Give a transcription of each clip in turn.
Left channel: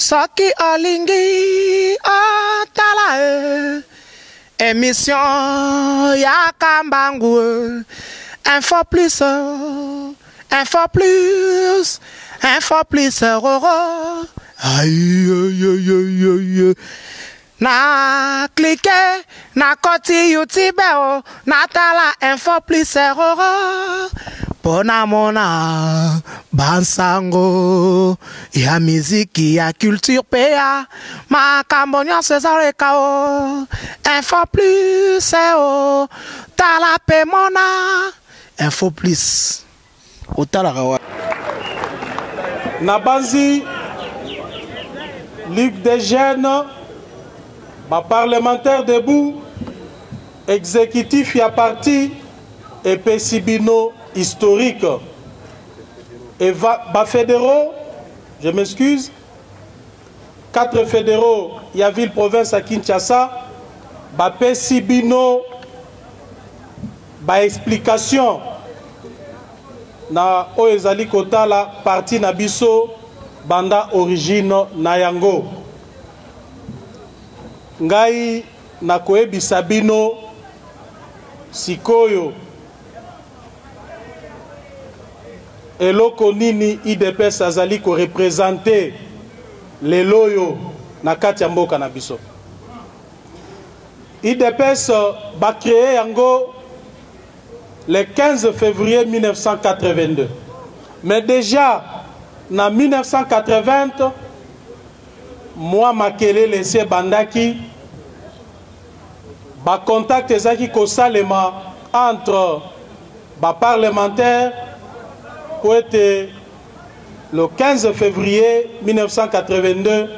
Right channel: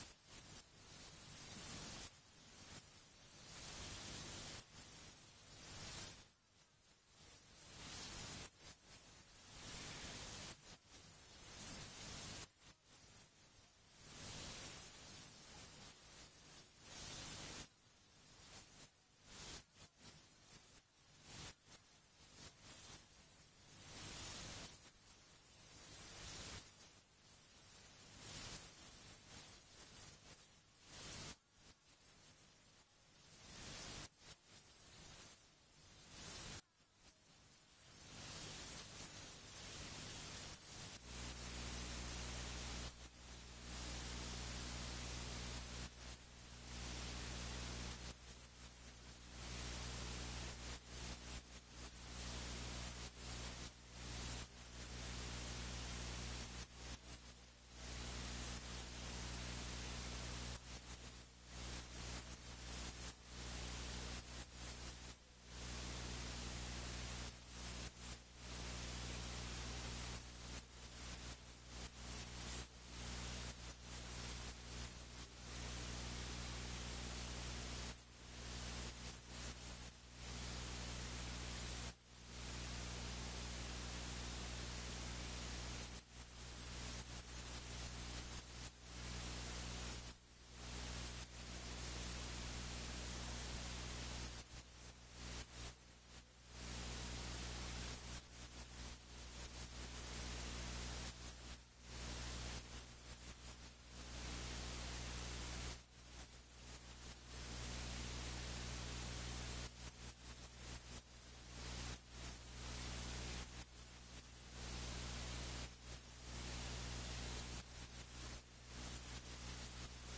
Soki olingi otala émission ya Kambangu info plus aïe na cliquer na koti YouTube na tala info plus pona mona bansango ya miziki ya culture pea makambo nyonso ezaleka info plus tala pe mona info plus otalaka wa Nabanzi Ligue des jeunes ma parlementaire debout exécutif ya parti et Pesibino historique et bas fédéraux, je m'excuse, 4 fédéraux, il y a ville province à Kinshasa, bas Pesibino, bas explication, na oezali kota la parti na biso banda origine na yango. Ngai na koyebisa bino sikoyo eloko nini IDPS azali ko représenter les loyo na kati ya mboka na biso. IDPS ba créé yango le 15 février 1982. Mais déjà en 1980 moi Makele laissé bandaki ba contact ezaki ko salema entre ba parlementaires pour être le 15 février 1982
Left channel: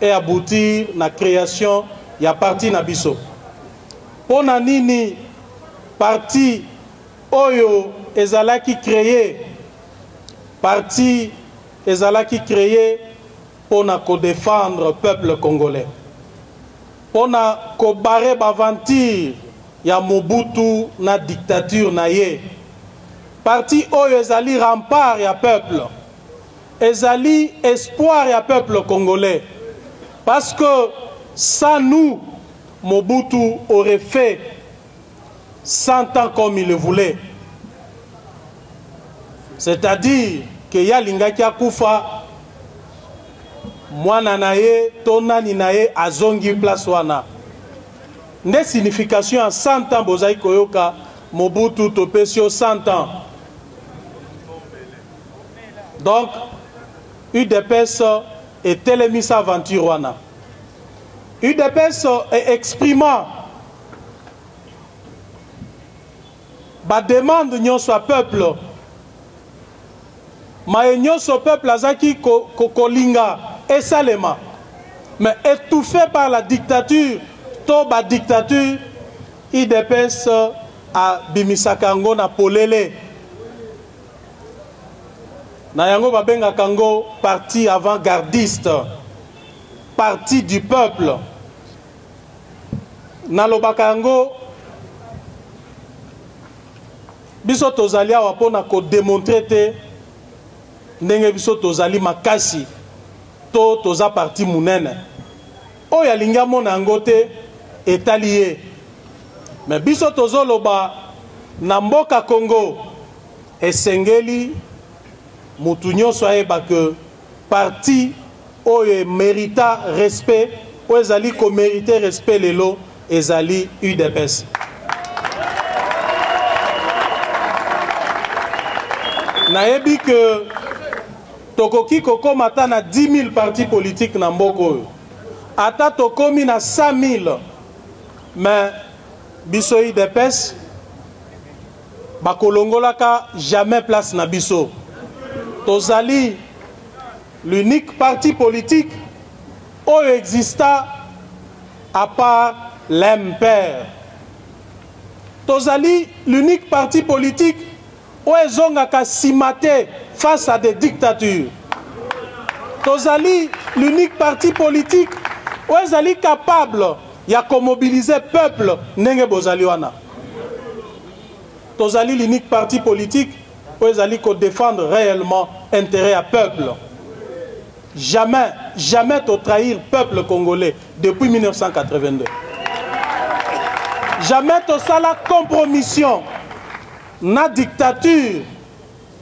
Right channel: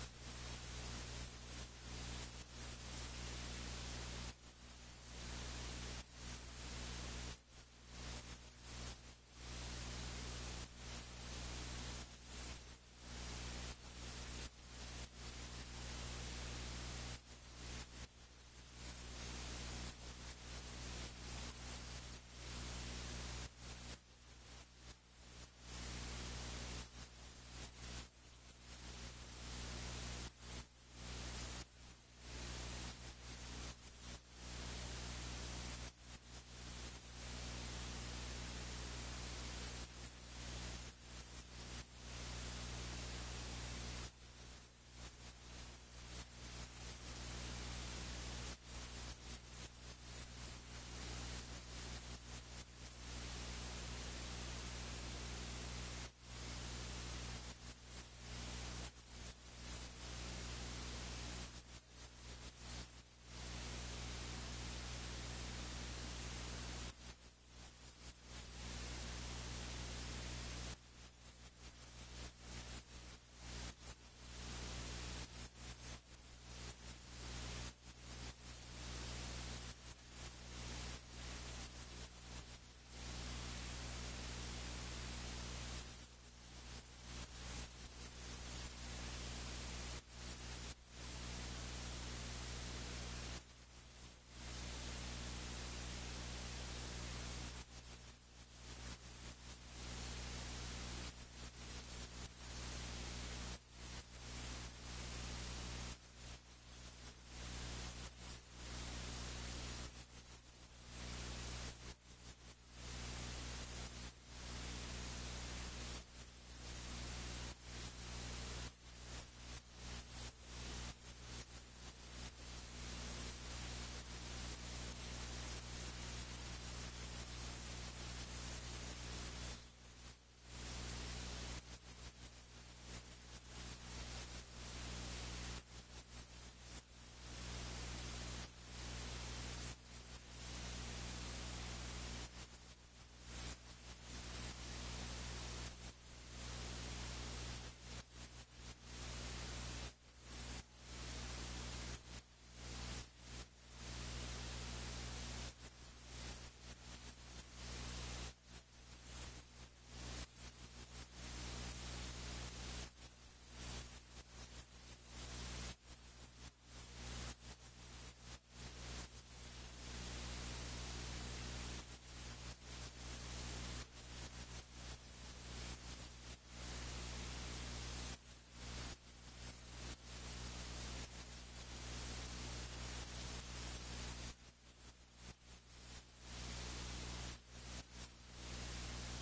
et aboutir à la création de la parti Nabiso. Pour nini parti Oyo ezalaki créé, parti ezalaki créé pour défendre le peuple congolais. Pour barrer l'aventure ya Mobutu na dictature na ye. Parti Oyo ezali rempart ya peuple, ezali espoir ya peuple congolais. Parce que sans nous, Mobutu aurait fait 100 ans comme il le voulait. C'est-à-dire que ya lingaki akufa, mwana naye, tonani naye, azongi place wana. Ne signification en 100 ans, bozai koyoka, Mobutu topesio 100 ans. Donc, UDPS est télémis aventure wana. UDPS est exprimant ba demande nyonso peuple. Ma nyonso peuple azaki kolinga esalema. Mais étouffé par la dictature, to ba dictature, UDPS a bimisakango na polele. Na yango babenga kango parti avant-gardiste, parti du peuple. Na lobaka yango biso tozali awa pona ko démontrer te ndenge biso tozali makasi to toza parti munene. Oyo alingi amona yango te etali ye. Mais biso tozoloba na mboka Congo esengeli mutu nyonso ayeba que parti oyo mérita respect, oyo ezali ko mériter respect lelo ezali UDPS. Nayebi que tokoki kokoma ata na 10 000 partis politiques na mboka oyo. Ata tokomi na 100 000, mais biso UDPS bakolongolaka jamais place na biso. Tozali l'unique parti politique où exista à part l'MPR. Tozali l'unique parti politique où ils ont simaté face à des dictatures. Tozali l'unique parti politique où ils sont capables de mobiliser le peuple. Tozali l'unique parti politique où ils allaient défendre réellement l'intérêt du peuple. Jamais jamais trahir le peuple congolais depuis 1982. Jamais la compromission, na dictature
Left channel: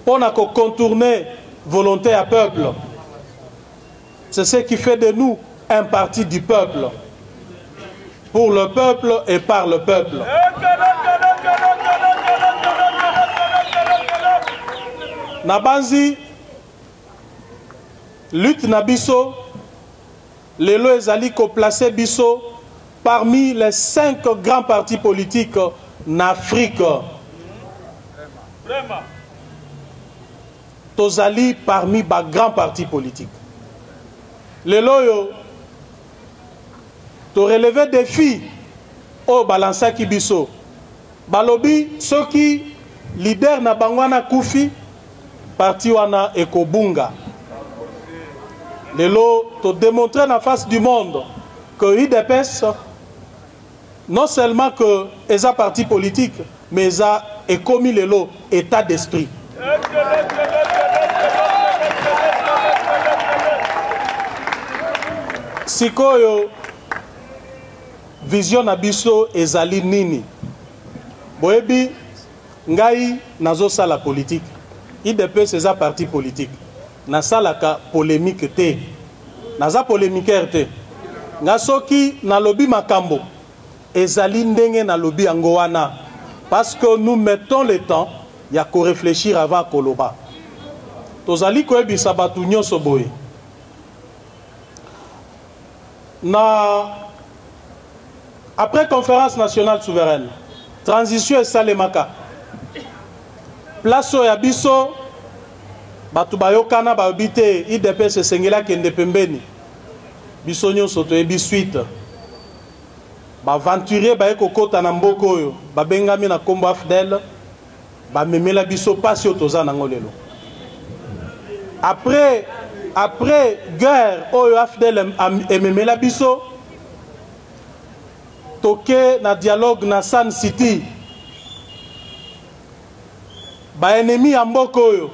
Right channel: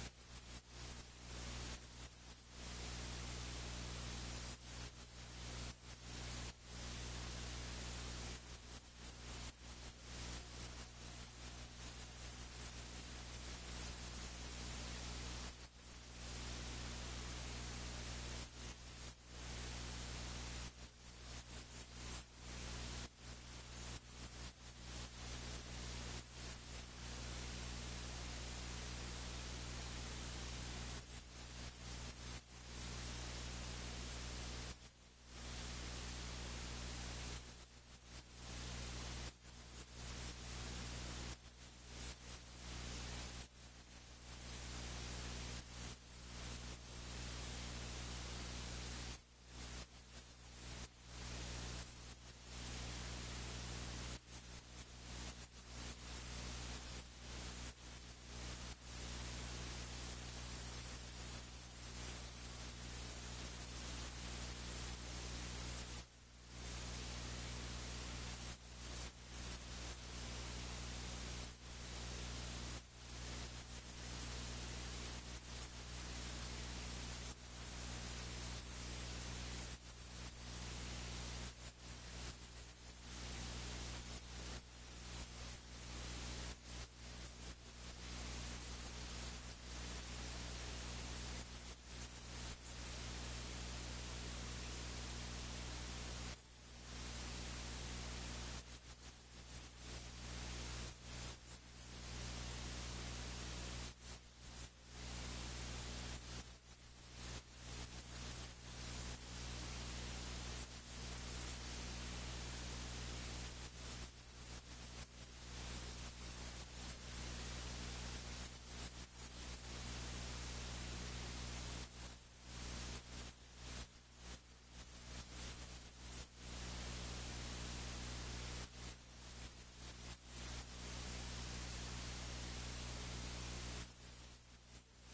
pour contourner volonté à peuple. C'est ce qui fait de nous un parti du peuple, pour le peuple et par le peuple. Nabanzi, lutte na biso, lelo ezali ko placer biso parmi les 5 grands partis politiques en Afrique. Tozali parmi les grands partis politiques. Lelo yo, to relever défi au balansa ki biso. Balobi, ceux qui leader na bangwana Koufi, parti wana ekobunga. Lelo, to démontrer en face du monde que l'IDPS, non seulement que les partis politiques, mais ils ont commis l'état d'esprit. Sikoyo, vision abiso ezali nini. Boebi, ngai nazo sala politique. IDPS c'est un parti politique. Na salaka polémique te. Naza polémiqueur te. Nga soki na lobi makambo. Ezali ndenge na lobi angoana. Parce que nous mettons le temps, il y a qu'à réfléchir avant koloba. Tozali koebi sabatu nyonso boye. Après conférence nationale souveraine, transition et salemaka. Place ya biso batu bayokana babite IDPS sengela kende pembeni. Biso nyonso toyebi suite. Ba aventurier ba ekokota na mboko oyo, ba bengami na kombo AFDEL, ba memela biso pasi otoza nango lelo. Après guerre oyo AFDEL ememela biso, toke na dialogue na Sun City. Ba ennemi ya mboko oyo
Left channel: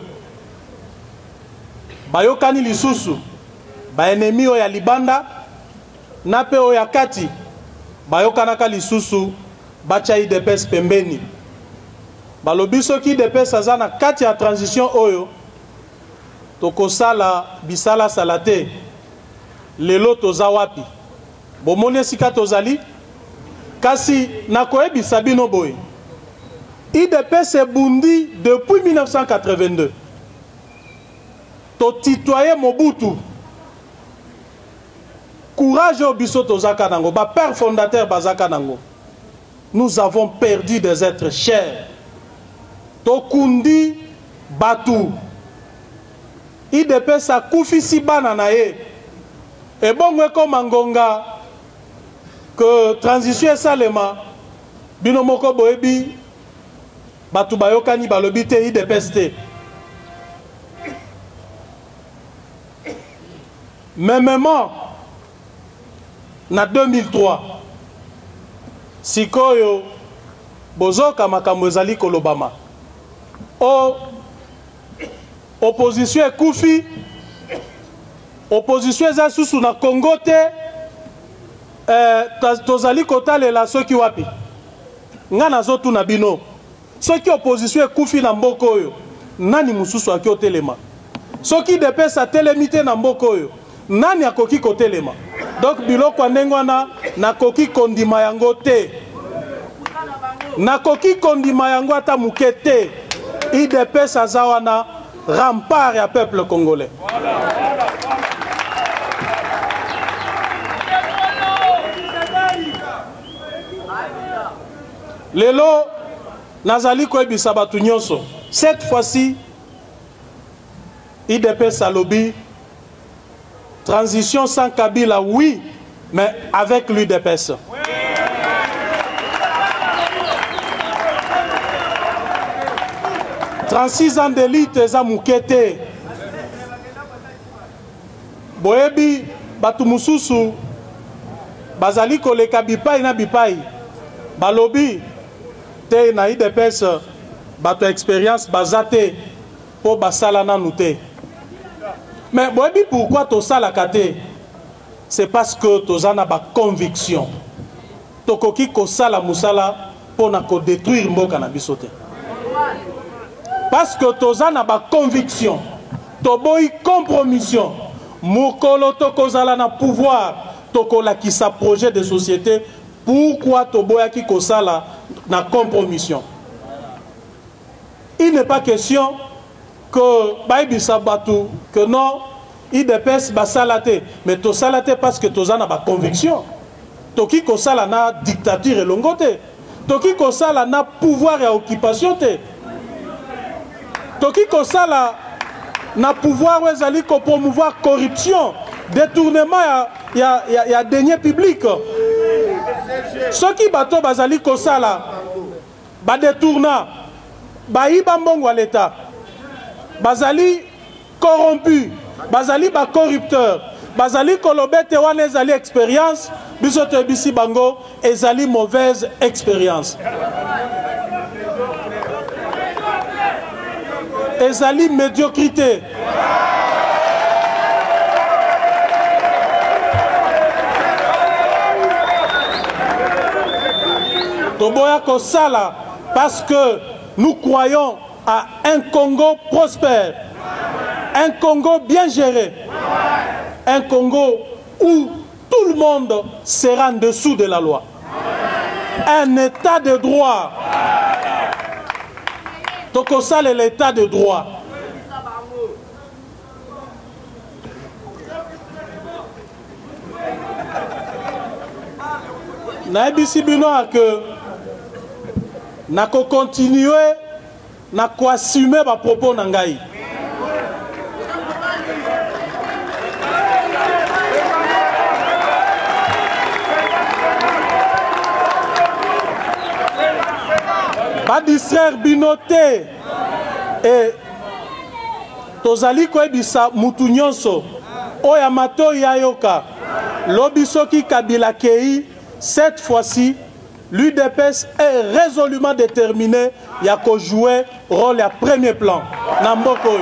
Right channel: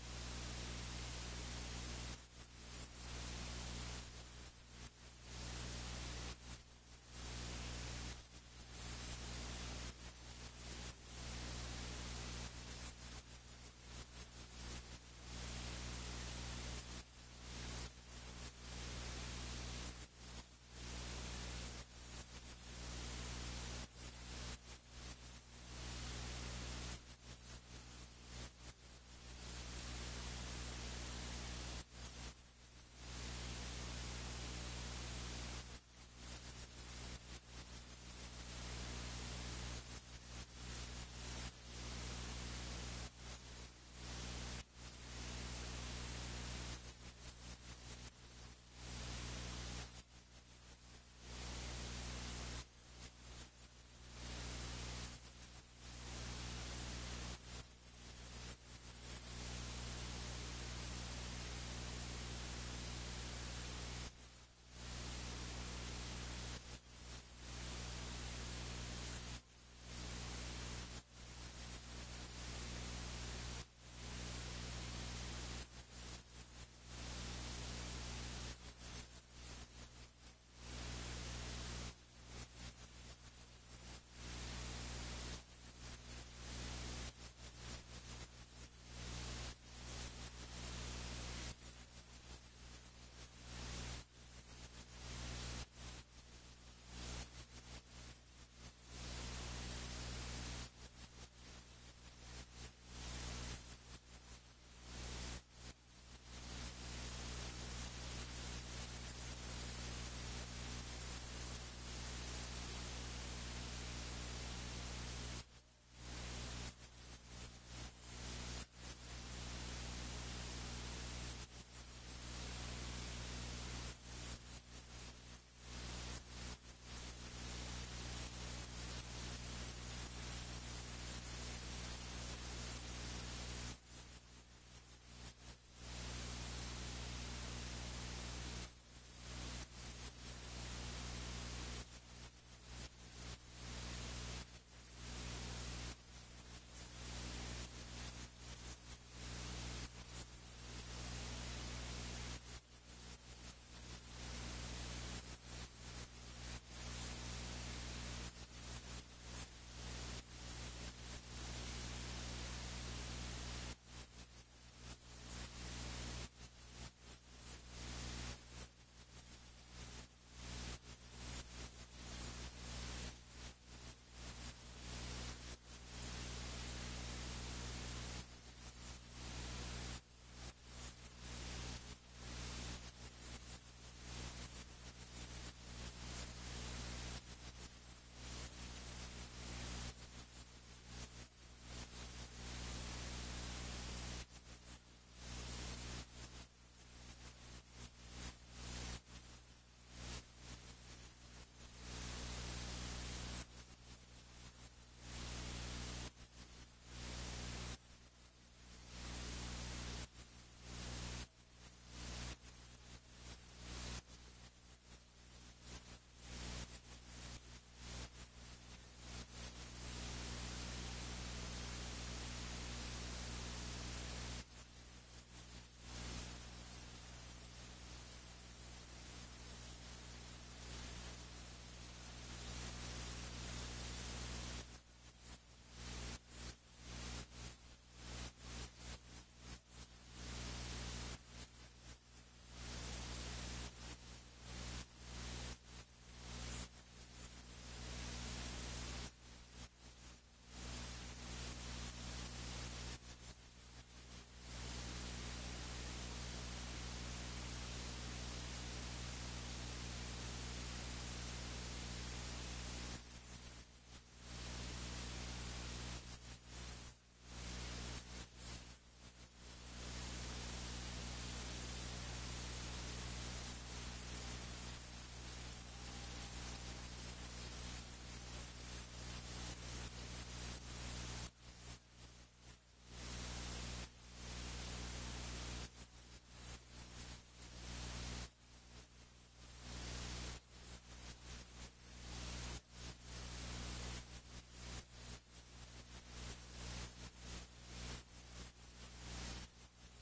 bayokani lisusu, ba ennemi oyo ya libanda na pe oyo ya kati bayokanaka lisusu bacha IDPS pembeni. Balobi soki IDPS aza na kati ya transition oyo tokosala bisala salate lelo toza wapi. Bomoni esika tozali kasi nakoyebisa bino boye. IDPS ebundi depuis 1982. To titoyer Mobutu. Courage au biso tozaka nango, ba père fondateur bazaka nango. Nous avons perdu des êtres chers. To kundi batu. IDPS a koufi si bana na ye. Et bon comme Angonga que transition salema bino moko boebi batu bayokani balobi te IDPS te. Mêmement na 2003 sikoyo bozoka makambo ezali kolobama opposition ekufi, opposition eza susu na Congo te, tozali kotalela soki wapi nga nazotu na bino soki opposition ekufi na mboko oyo nani mususu aki otelema, soki IDPS atelemi te na mboko oyo nani akoki kotelema. Donc biloko ndenge wana nakoki kondima yango te, nakoki kondima yango ata muke te. IDPS aza wana rempart ya peuple congolais. Lelo nazali koyebisa batu nyonso, cette fois-ci IDPS alobi transition sans Kabila, oui, mais avec l'UDPS. « 36 ans d'élite, eza mukete. Boyebi, batu mususu, bazali koleka bipai na bipai. Balobi, te na IDPS, batu expérience bazate, po basala nanu te. Mais pourquoi tout ça la kate? C'est parce que tout ça n'a pas conviction. Tokoki ko sala musala pour na ko détruire mboka na bisote. Parce que tout ça n'a pas conviction. Toboy compromission. Mukolo toko zala na pouvoir. Toko la qui sa projet de société. Pourquoi toboya ki ko sala na compromission? Il n'est pas question que Baïbi Sabatou, que non, il dépêche Basalate, mais to salate parce que Tozana a conviction. Toki Kosala na dictature et longote. Toki Kosala na pouvoir et occupation. Toki Kosala na pouvoir ou ezali ko promouvoir corruption, détournement y a deniers publics. Ce qui bateau bazali Kosala, ba détourna, ba iba mbongo à l'État. Bazali corrompu, bazali ba corrupteur, bazali kolobete wana ezali expérience, bisoto bisi bango ezali mauvaise expérience. Ezali médiocrité. Toboya Kosala parce que nous croyons à un Congo prospère, un Congo bien géré, un Congo où tout le monde sera en dessous de la loi, un état de droit. Tokosal est l'état de droit. Naibisi bino que nako continuer nako assumer ba propos nangai. Ba distraire binoté et tozali ko ebisa mutu nyonso oya mato ya yoka lobisoki Kabila kei. Cette fois-ci, l'UDPS est résolument déterminé à jouer rôle à premier plan. Namboko.